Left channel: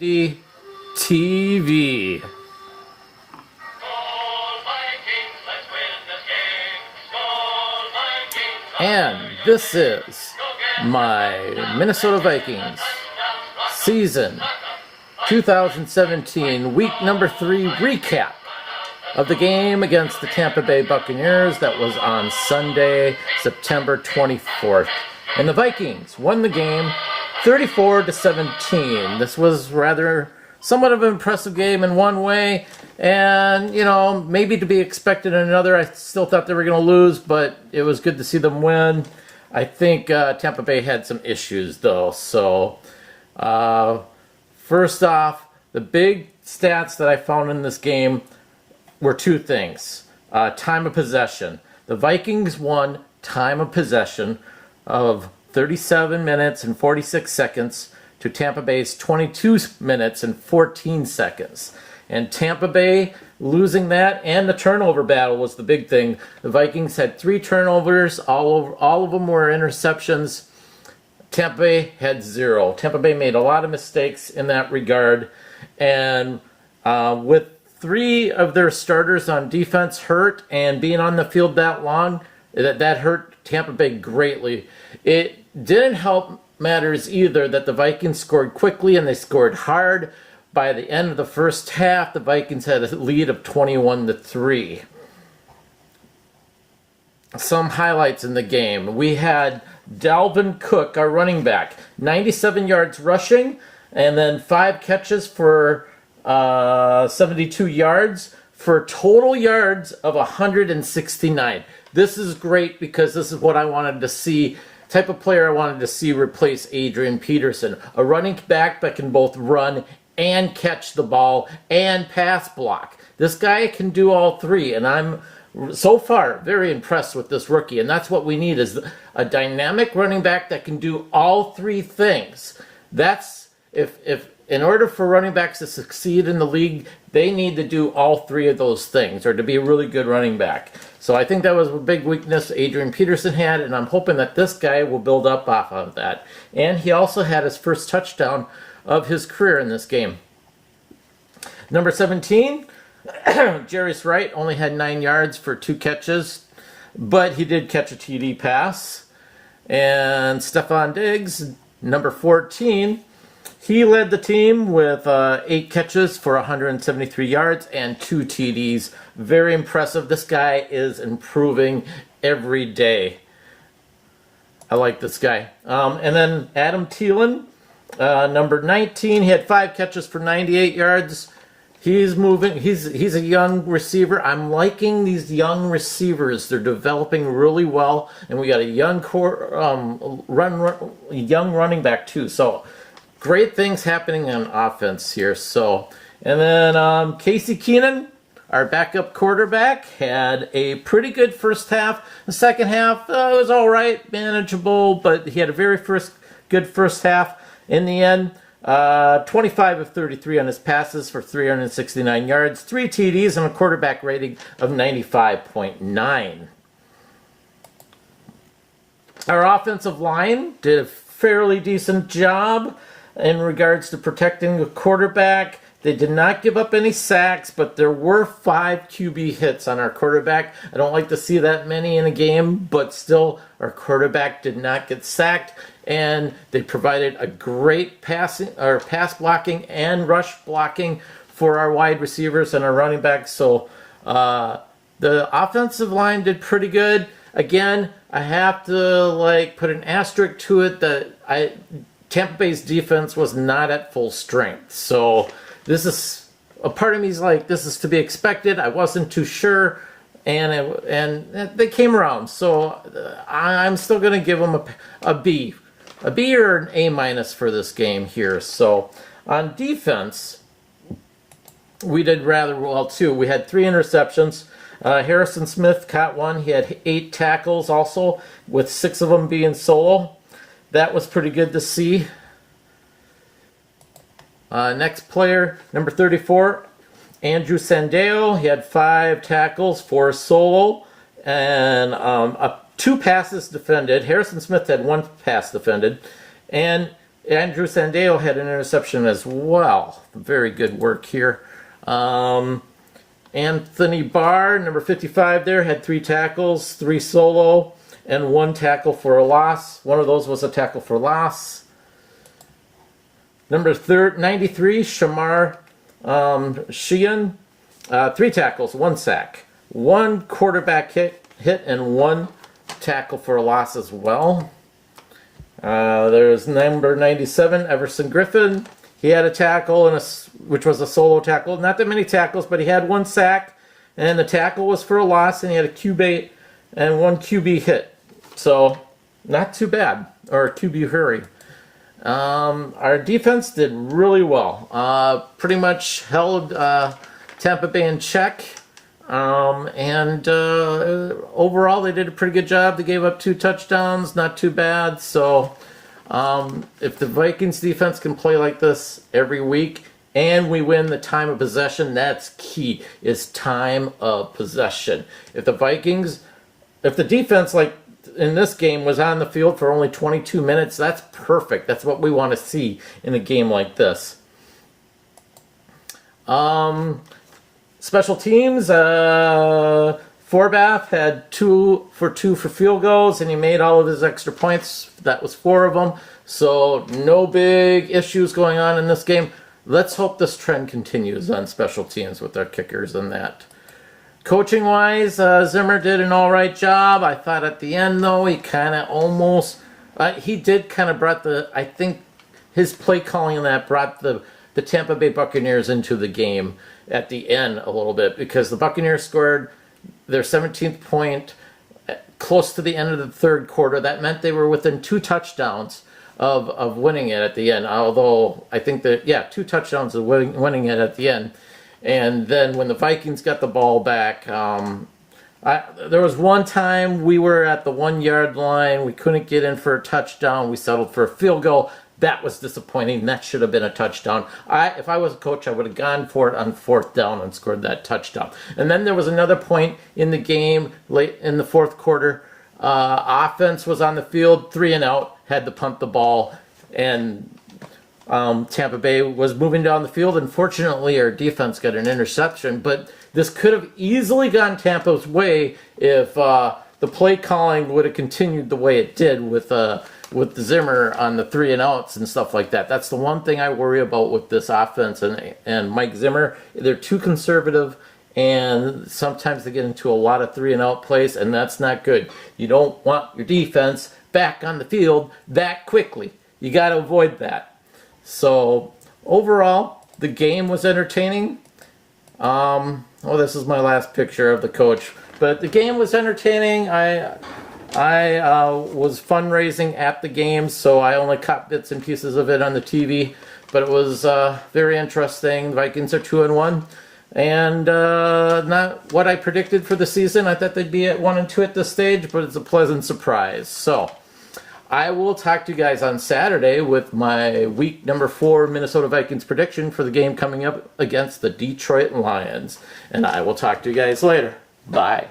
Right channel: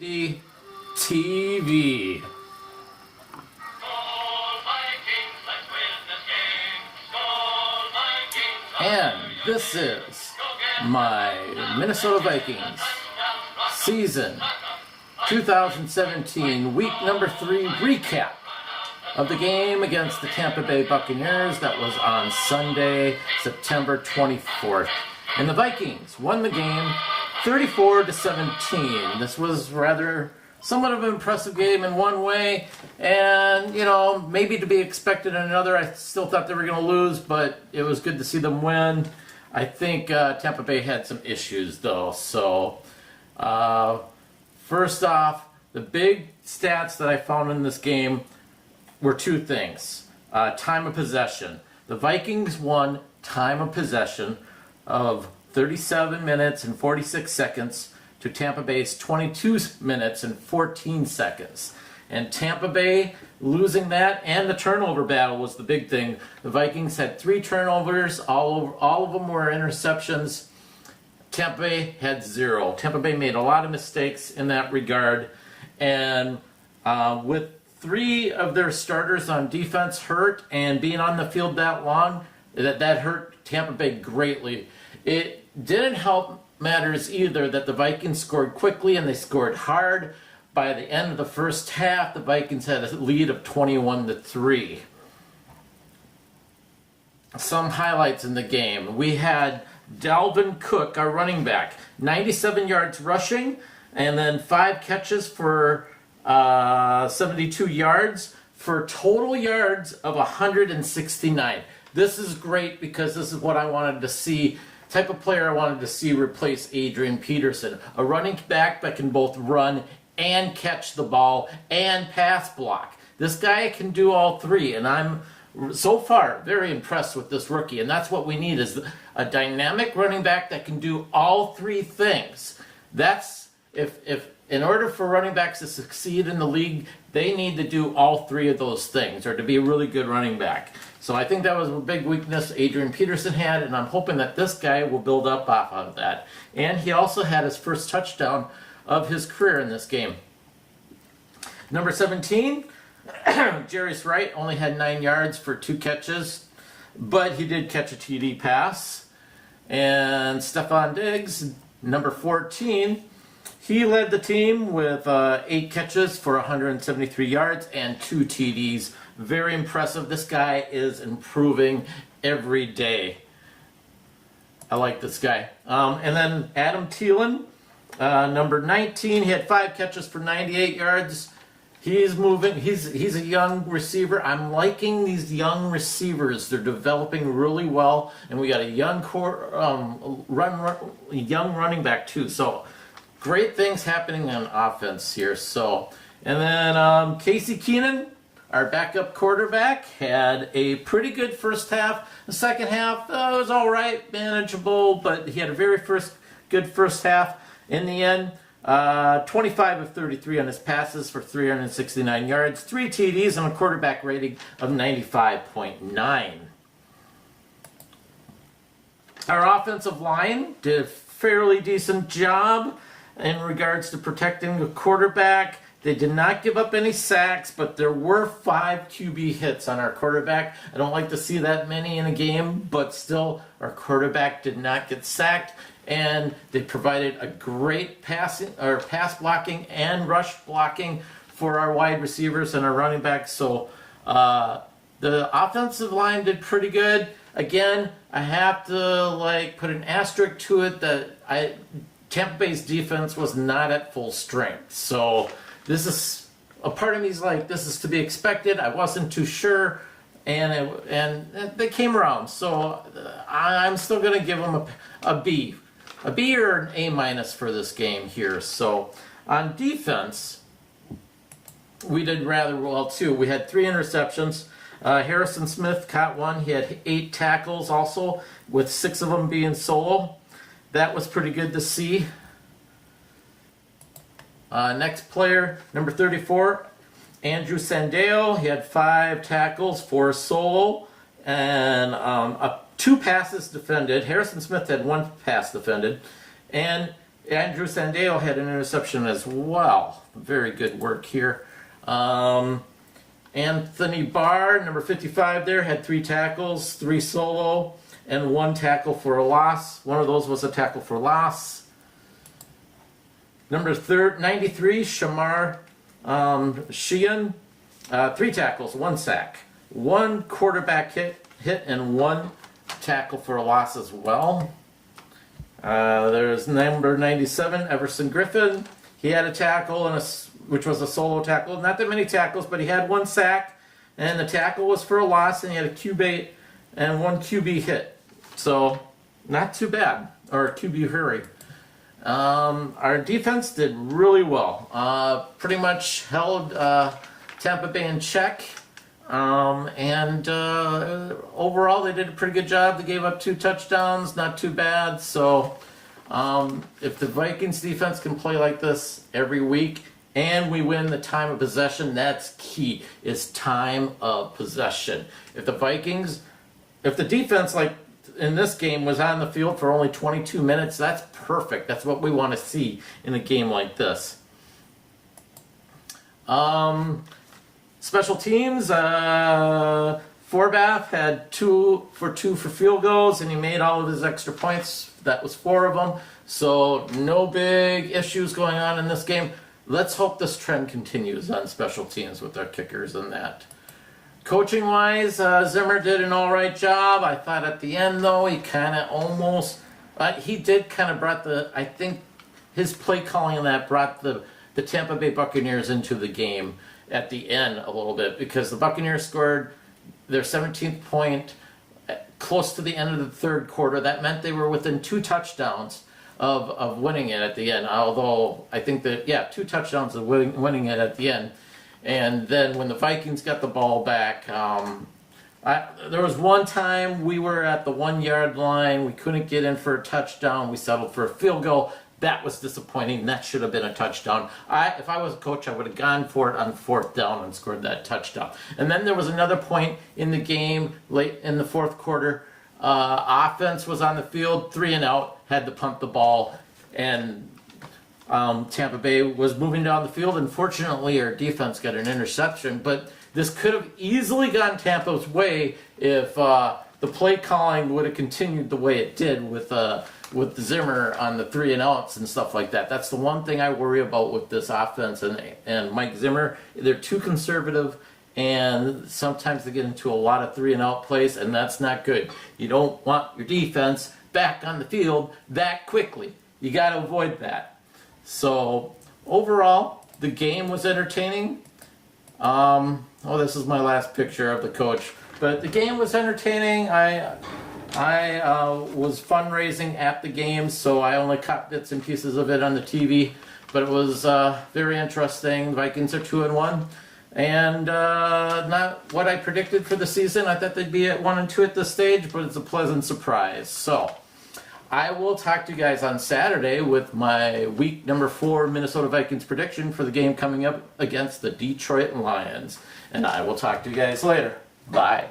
TV. And this is my Minnesota Vikings season 2017 week number 3 recap of the game against the Tampa Bay Buccaneers that was on Sunday, September 24th. And the Vikings won the game 34-17. This was rather somewhat of an impressive game in one way, and, you know, maybe to be expected in another. I still thought they were going to lose, but it was good to see them win. I think Tampa Bay had some issues, though. So, first off, the big stats that I found in this game were two things. Time of possession. The Vikings won time of possession of 37 minutes and 46 seconds to Tampa Bay's 22 minutes and 14 seconds. And Tampa Bay losing that and the turnover battle was the big thing. The Vikings had 3 turnovers. All of them were interceptions. Tampa Bay had 0. Tampa Bay made a lot of mistakes in that regard. And with 3 of their starters on defense hurt and being on the field that long, that hurt Tampa Bay greatly. It didn't help matters either that the Vikings scored quickly and they scored hard. By the end of the first half, the Vikings had a lead of 21-3. Some highlights in the game. We had Dalvin Cook, our running back, 97 yards rushing, and then 5 catches for 72 yards for total yards of 169. This is great because this is what I wanted to see. Type of player I wanted to see replace Adrian Peterson. A running back that can both run and catch the ball and pass block. This guy can do all 3, and I'm so far very impressed with this rookie. And that's what we need, is a dynamic running back that can do all 3 things. That's if in order for running backs to succeed in the league, they need to do all 3 of those things or to be a really good running back. So I think that was a big weakness Adrian Peterson had, and I'm hoping that this guy will build up off of that. And he also had his first touchdown of his career in this game. Number 17, Jarius Wright only had 9 yards for 2 catches, but he did catch a TD pass. And Stephon Diggs, number 14, he led the team with 8 catches for 173 yards and 2 TDs. Very impressive. This guy is improving every day. I like this guy. And then Adam Thielen, number 19, he had 5 catches for 98 yards. He's moving. He's a young receiver. I'm liking these young receivers. They're developing really well, and we got a young young running back too. So great things happening on offense here. So, and then Casey Keenan, our backup quarterback, had a pretty good first half. The second half was all right, manageable, but he had a very good first half. In the end, 25 of 33 on his passes for 369 yards, 3 TDs, and a quarterback rating of 95.9. Our offensive line did a fairly decent job in regards to protecting the quarterback. They did not give up any sacks, but there were 5 QB hits on our quarterback. I don't like to see that many in a game, but still, our quarterback did not get sacked, and they provided a great pass blocking and rush blocking for our wide receivers and our running backs. So the offensive line did pretty good. Again, I have to put an asterisk to it that Tampa Bay's defense was not at full strength. So this is a part of me is like, this is to be expected. I wasn't too sure, and they came around. So I'm still going to give them a B or an A- for this game here. So on defense, we did rather well too. We had 3 interceptions. Harrison Smith caught 1. He had 8 tackles also, with 6 of them being solo. That was pretty good to see. Next player, number 34, Andrew Sandeo. He had 5 tackles, 4 solo, and 2 passes defended. Harrison Smith had 1 pass defended. And Andrew Sandeo had an interception as well. Very good work here. Anthony Barr, number 55 there, had 3 tackles, 3 solo, and 1 tackle for a loss. One of those was a tackle for loss. Number 93, Shamar Sheehan, 3 tackles, 1 sack, 1 quarterback hit, and 1 tackle for a loss as well. There's number 97, Everson Griffin. He had a tackle, which was a solo tackle. Not that many tackles, but he had 1 sack, and the tackle was for a loss, and he had a QB and 1 QB hit. So, not too bad, or a QB hurry. Our defense did really well. Pretty much held Tampa Bay in check. And overall, they did a pretty good job. They gave up 2 touchdowns, not too bad. So, if the Vikings defense can play like this every week, and we win the time of possession, that's key, is time of possession. If the defense, like in this game, was on the field for only 22 minutes, that's perfect. That's what we want to see in a game like this. Special teams, Forbath had 2 for field goals, and he made all of his extra points. That was 4 of them. So no big issues going on in this game. Let's hope this trend continues on special teams with our kickers and that. Coaching-wise, Zimmer did an all right job. I thought at the end, though, he kind of almost... he did kind of brought I think his play calling and that brought the Tampa Bay Buccaneers into the game at the end a little bit, because the Buccaneers scored their 17th point close to the end of the third quarter. That meant they were within 2 touchdowns of winning it at the end, although I think that, 2 touchdowns of winning it at the end. And then when the Vikings got the ball back, there was one time we were at the 1-yard line. We couldn't get in for a touchdown. We settled for a field goal. That was disappointing. That should have been a touchdown. If I was a coach, I would have gone for it on 4th down and scored that touchdown. And then there was another point in the game late in the 4th quarter. Offense was on the field, 3 and out, had to punt the ball, and Tampa Bay was moving down the field. Unfortunately, our defense got an interception, but this could have easily gone Tampa's way if the play calling would have continued the way it did with Zimmer on the 3 and outs and stuff like that. That's the one thing I worry about with this offense and Mike Zimmer. They're too conservative, and sometimes they get into a lot of 3 and out plays, and that's not good. You don't want your defense back on the field that quickly. You got to avoid that. So overall, the game was entertaining. This is my last picture of the coach, but the game was entertaining. I was fundraising at the game, so I only caught bits and pieces of it on the TV, but it was very interesting. The Vikings are 2-1, and not what I predicted for the season. I thought they'd be at 1-2 at this stage, but it's a pleasant surprise. So I will talk to you guys on Saturday with my week number 4 Minnesota Vikings prediction for the game coming up against the Detroit Lions, and I will talk to you guys later. Bye.